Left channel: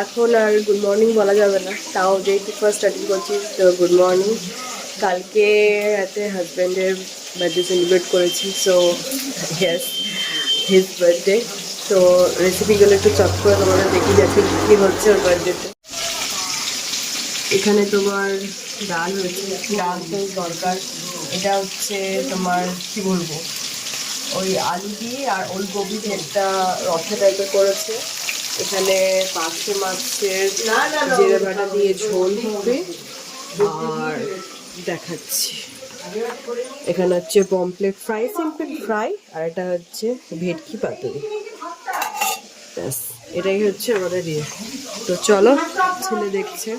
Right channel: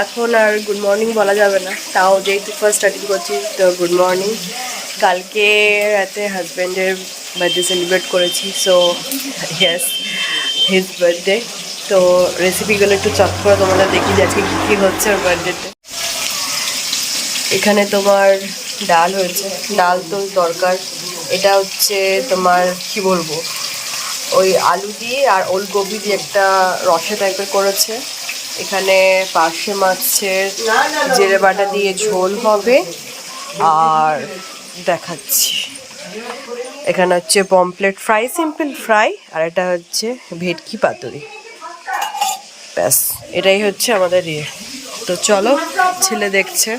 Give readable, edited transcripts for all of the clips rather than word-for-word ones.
এখন আর good morning বলা যাবে না, তাও যেহেতু ফার্স্ট স্টার্টিং করছি তো গুড মর্নিং। কালকে রাতে হাজব্যান্ডের বার্থডে সেলিব্রেট করেছি, সো ইয়েস হিজ বার্থডে। তো রেসিপিগুলো একটু চট করে তোমাদের দেখি যে আজকে কী কী হচ্ছে ওর বার্থডেতে। এখানে তোমার ডাল হয়েছে, ডাল তো দরকার। এটা হচ্ছে তোমার কি বলবো, ওই আলু দিয়ে আর ওলকপি দিয়ে একটা রসা টাইপের করেছে। এখানে পার্শে মাছের জিরে বাটা দিয়ে ঝোল হবে। আর দেখাচ্ছি, এখানে হচ্ছে পমপ্লেট ফ্রাই, সিম্পল ফ্রাই, আর এটা হচ্ছে ভেটকি পাতুরি। ব্যাস, এটাই হচ্ছে আমাদের ইয়ে। তো চলো, ছেলে দেখছে।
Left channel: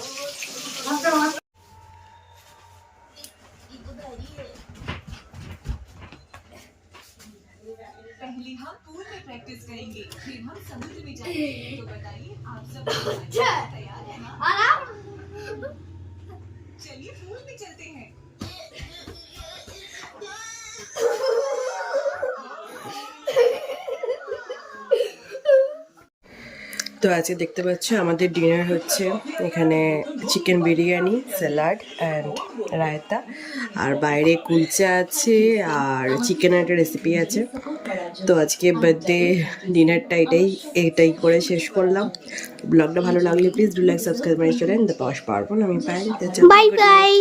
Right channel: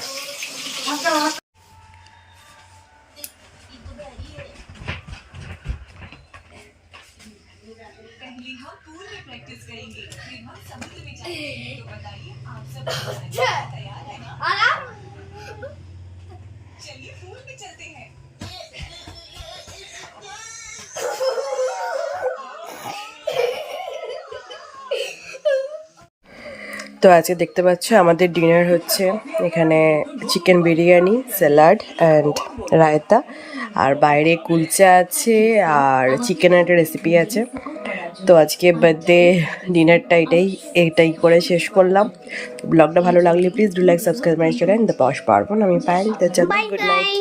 তো আজকে দেখতে পাচ্ছ আমাদের ডিনার হচ্ছে এখানে chicken biryani, salad and raita, আর বাইরে কুলচা আছে আর চিকেনের একটা রেসিপি আছে। তো আজকে বার্থডে ডিনারটা এটাই করে শেষ করলাম। ব্লগটা ভালো লাগলে please do like, subscribe my channel the Poush Parbon. আমি পায়েল। Bye bye.